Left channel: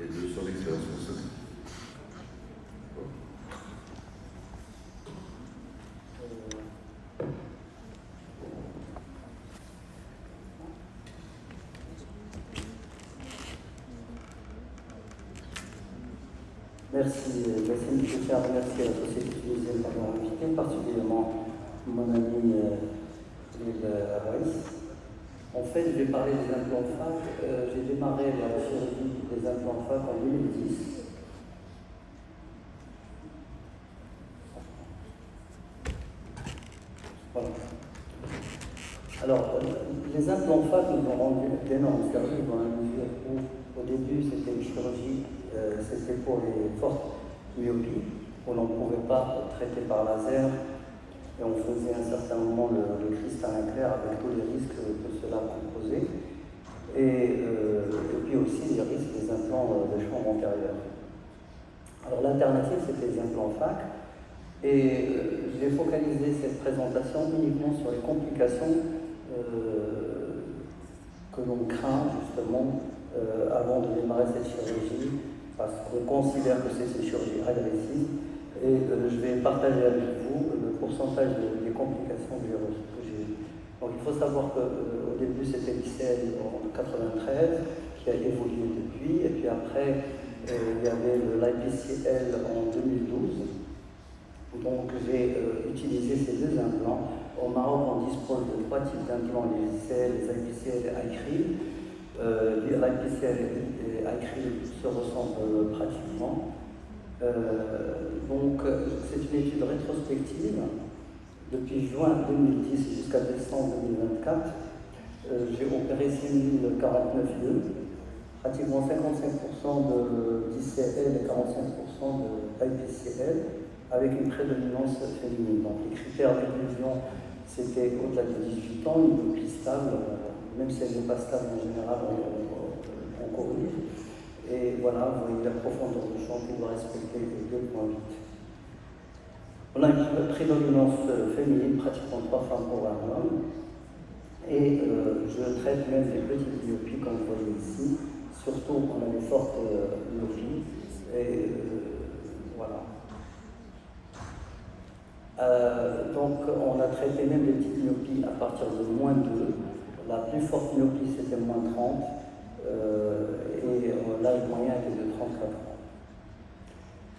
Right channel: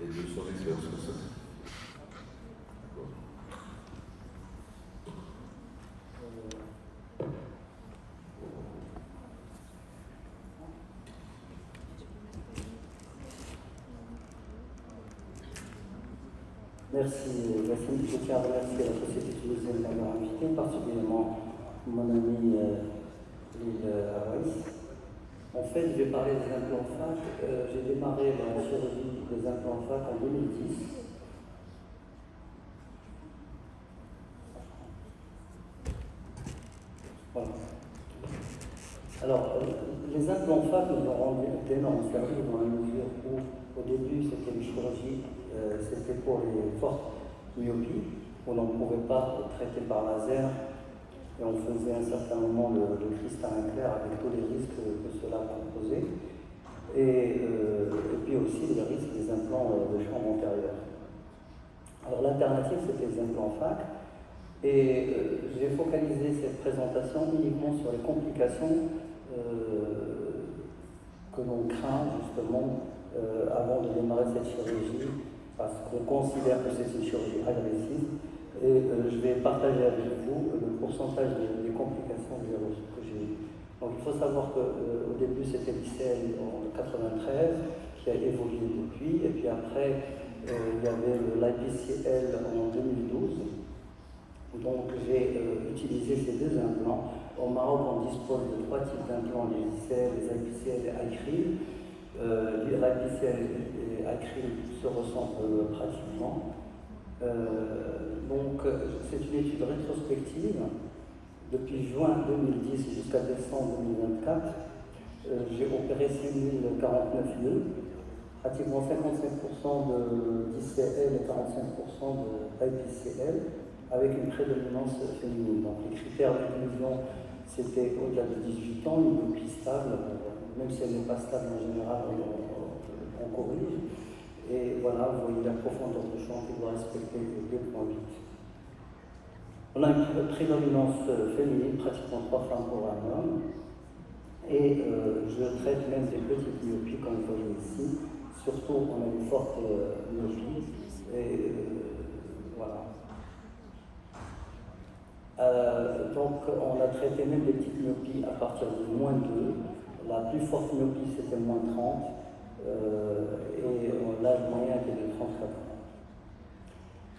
et de son expérience au sein. Merci, M. Pierre, merci à la société tunisienne de m'avoir invité, particulièrement mon ami Lille Harris. En fait, je vais parler des implants FAC. J'ai démarré la chirurgie des implants FAC en 2010. Voilà. Alors, les implants FAC nous ont rendu d'énormes services dans la mesure où, au début, c'était une chirurgie, c'était pour les fortes myopies, qu'on ne pouvait pas traiter par laser, et on faisait à un certain moment le cristallin clair avec tous les risques que cela composait, et puis aussi les risques des implants de champ antérieur. Alors, l'alternative, c'était les implants FAC, et j'ai focalisé cette présentation uniquement sur les complications que l'on craint justement avant de démarrer cette chirurgie, parce qu'on considère que c'est une chirurgie agressive, et je vais partager avec vous le pourcentage des complications que j'ai eues. Donc il faut savoir qu'au début c'était l'ICL en 1993, qui a évolué depuis, et puis après il y avait l'IPCL en 2012. Donc j'ai utilisé ces deux implants. Au Maroc, on dispose de trois types d'implants, les ICL, les IPCL et Acryl. L'IPCL et Acryl se ressemblent pratiquement. Donc c'est une étude rétrospective. Depuis juin 2010 jusqu'à décembre 2024, j'ai opéré 6049 lieux, pratiquement 55% d'ICL et 45% d'IPCL, avec une prédominance féminine. Donc les critères d'inclusion, c'était au-delà de 18 ans, une myopie stable, même si elle n'est pas stable en général, on corrige. Et voilà, vous voyez la profondeur de champ qui doit respecter 2,8. On a une prédominance féminine, pratiquement 3 femmes pour un homme. Et je traite même des petites myopies, comme vous voyez ici, surtout quand on a une forte myopie. Et voilà. Donc on a traité même des petites myopies à partir de -2. La plus forte myopie c'était -30 et l'âge moyen était de 34 ans.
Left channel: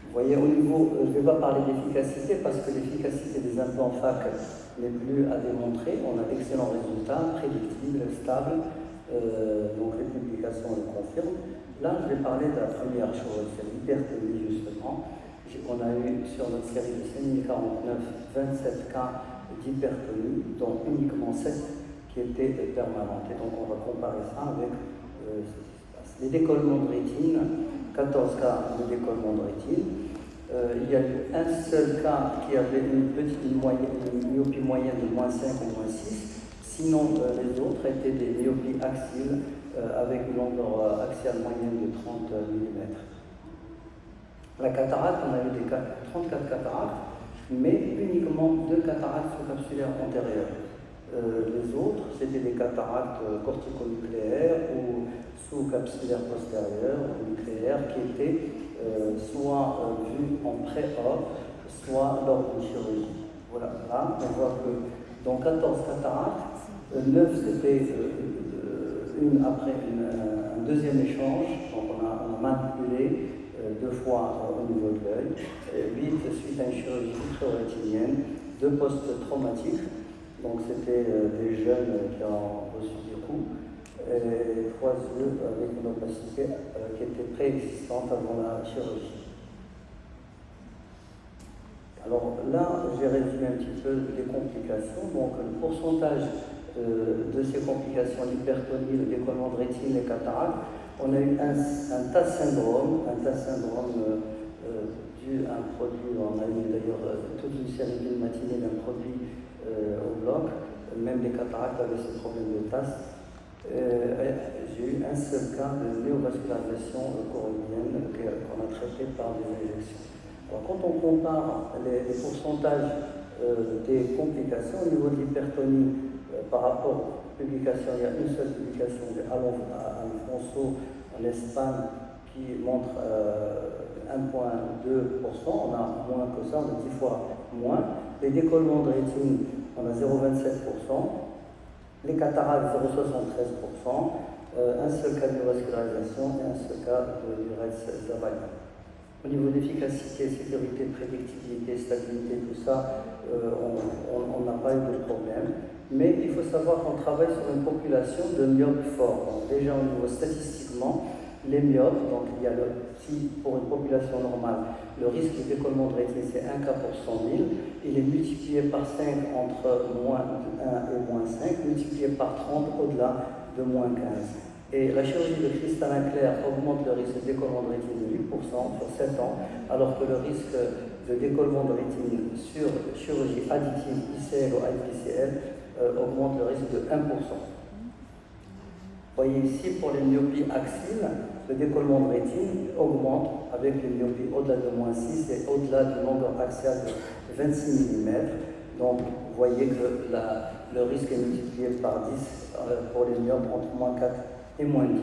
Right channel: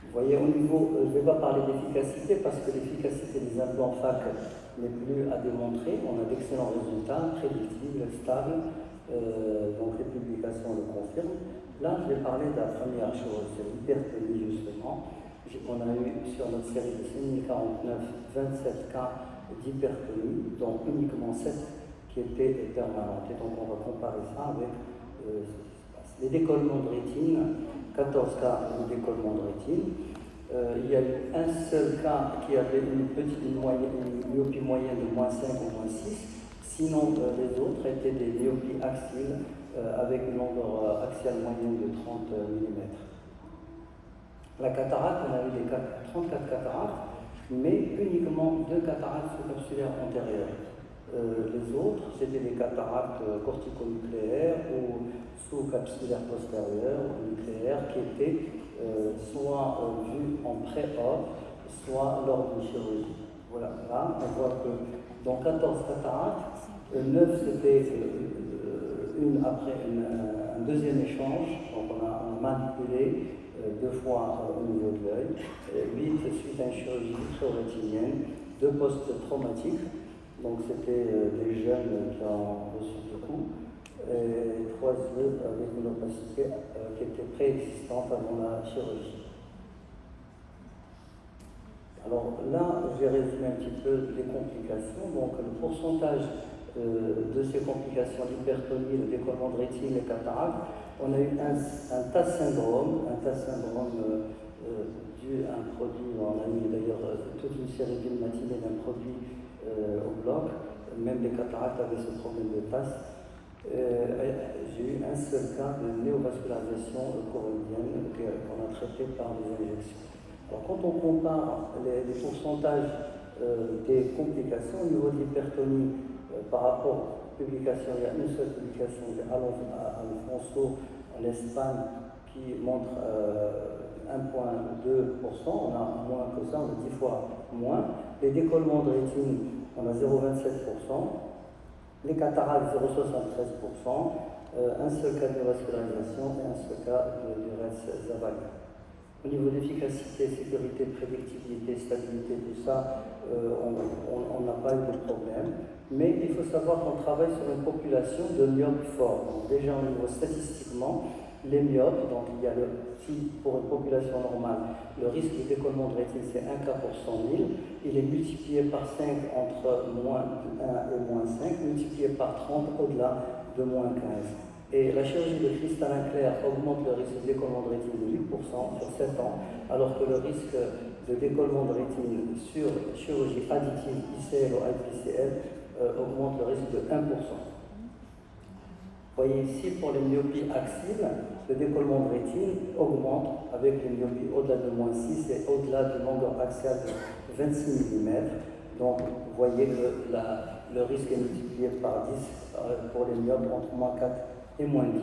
Vous voyez, au niveau, je ne vais pas parler d'efficacité parce que l'efficacité des implants FAC n'est plus à démontrer. On a d'excellents résultats, prédictibles, stables, donc les publications le confirment. Là, je vais parler de la première chose, c'est l'hypertonie justement. On a eu sur notre série de 6049 27 cas d'hypertonie, dont uniquement 7 qui étaient permanentes. Et donc on va comparer ça avec les décollements de rétine, 14 cas de décollement de rétine. Il y a eu un seul cas qui avait une myopie moyenne de -5 ou -6. Sinon, les autres étaient des myopies axiales avec une longueur axiale moyenne de 30 mm. La cataracte, on a eu 34 cataractes, mais uniquement 2 cataractes sous-capsulaires antérieures. Les autres, c'était des cataractes corticonucléaires ou sous-capsulaires postérieures nucléaires qui étaient soit vues en pré-op, soit lors d'une chirurgie. Voilà, là, on voit que dans 14 cataractes, 9 c'était une après un deuxième échange, donc on a manipulé 2 fois au niveau de l'œil, 8 suite à une chirurgie rétinienne, 2 post-traumatiques, donc c'était des jeunes qui ont reçu des coups, et 3 yeux avec une opacité qui était préexistante avant la chirurgie. Alors là, j'ai résumé un petit peu les complications. Donc le pourcentage de ces complications, l'hypertonie, le décollement de rétine, les cataractes, on a eu un TAS syndrome dû à un produit, on a eu d'ailleurs toute une série d'une matinée d'un produit au bloc, même les cataractes avaient ce problème de TAS. J'ai eu un seul cas de néovascularisation corénienne qu'on a traité par des injections. Alors, quand on compare les pourcentages des complications au niveau de l'hypertonie par rapport aux publications, il y a une seule publication de Alonso en Espagne qui montre 1,2%, on a moins que ça, on a 10 fois moins. Les décollements de rétine, on a 0,27%. Les cataractes, 0,73%. Un seul cas de vascularisation et un seul cas de Rez-Zavalli. Au niveau d'efficacité, sécurité, prédictibilité, stabilité, tout ça, on n'a pas eu de problème. Mais il faut savoir qu'on travaille sur une population de myopes forts. Donc déjà au niveau statistiquement, les myopes, donc il y a si pour une population normale, le risque de décollement de rétine c'est 1 cas pour 100 000, il est multiplié par 5 entre moins 1 et moins 5, multiplié par 30 au-delà de moins 15. Et la chirurgie de cristallin clair augmente le risque de décollement de rétine de 8% sur 7 ans, alors que le risque de décollement de rétine sur chirurgie additive ICL ou IPCL augmente le risque de 1%. Vous voyez ici, pour les myopies axiales, le décollement de rétine augmente avec les myopies au-delà de moins 6 et au-delà du nombre axial de 26 mm. Donc, vous voyez que le risque est multiplié par 10 pour les myopes entre moins 4 et moins 10.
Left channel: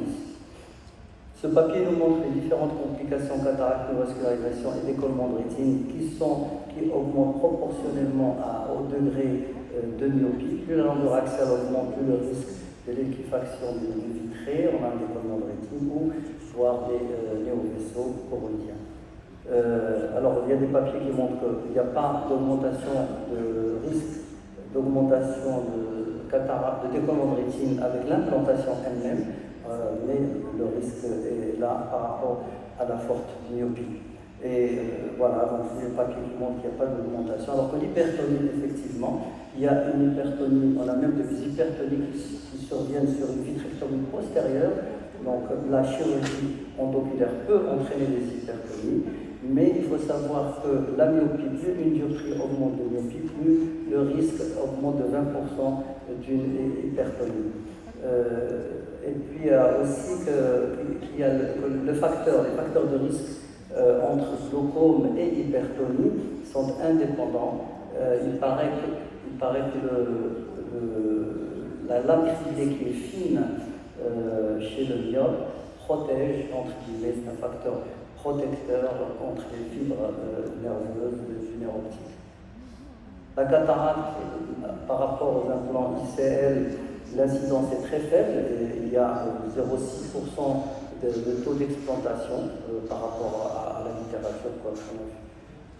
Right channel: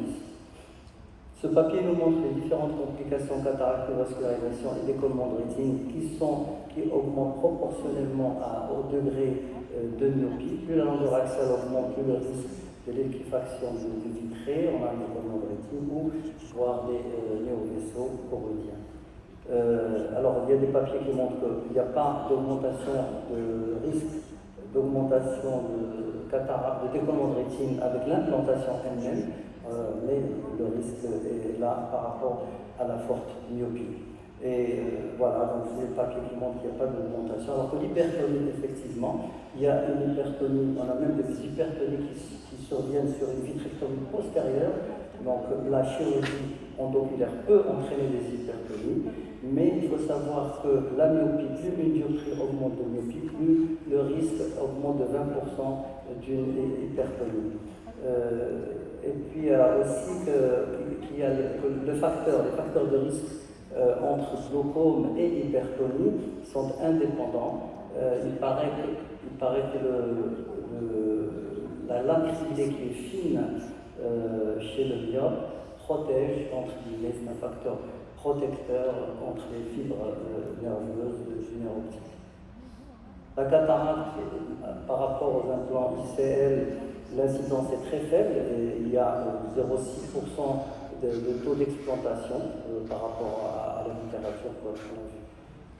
Ce papier nous montre les différentes complications cataracte, neovascularisation et décollement de rétine qui augmentent proportionnellement au degré de myopie. Plus la longueur axiale augmente, plus le risque de liquéfaction du vitré, on a un décollement de rétine ou voire des néovaisseaux coroniens. Alors, il y a des papiers qui montrent qu'il n'y a pas d'augmentation de risque d'augmentation de cataracte, de décollement de rétine avec l'implantation elle-même, mais le risque est là par rapport à la forte myopie. Et voilà, donc c'est le papier qui montre qu'il n'y a pas d'augmentation. Alors que l'hypertonie, effectivement, il y a une hypertonie, on a même des hypertonies qui surviennent sur une vitrectomie postérieure. Donc la chirurgie endoculaire peut entraîner des hypertonies, mais il faut savoir que la myopie, plus une dioptrie augmente de myopie, plus le risque augmente de 20% d'une hypertonie. Et puis il y a aussi qu'il y a les facteurs de risque entre glaucome et hypertonie sont indépendants. Il paraît que la lentille qui est fine chez le myope protège contre c'est un facteur protecteur contre les fibres nerveuses générotiques. La cataracte, par rapport aux implants ICL, l'incidence est très faible et il y a 0,6% de taux d'explantation par rapport à la littérature.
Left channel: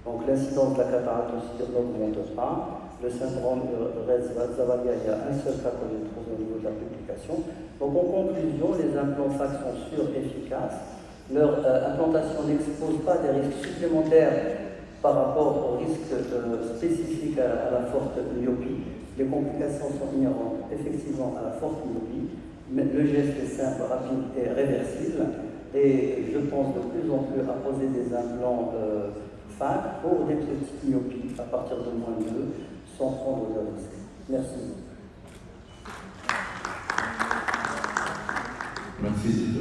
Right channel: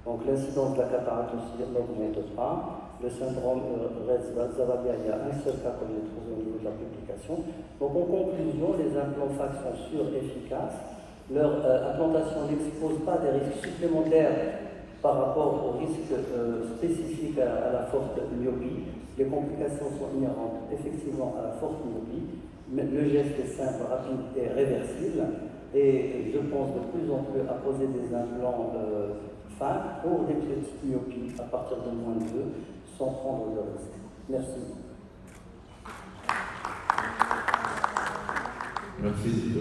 Donc l'incidence de la cataracte n'augmente pas. Le syndrome de Rez-Zavalli, il y a un seul cas qu'on trouve au niveau de la publication. Donc en conclusion, les implants FACS sont sûrs et efficaces. Leur implantation n'expose pas des risques supplémentaires par rapport aux risques spécifiques à la forte myopie. Les complications sont inhérentes effectivement à la forte myopie, mais le geste est simple, rapide et réversible. Et je pense de plus en plus à poser des implants FACS pour des petites myopies à partir de moins de 2 sans prendre de risque. Merci. Merci.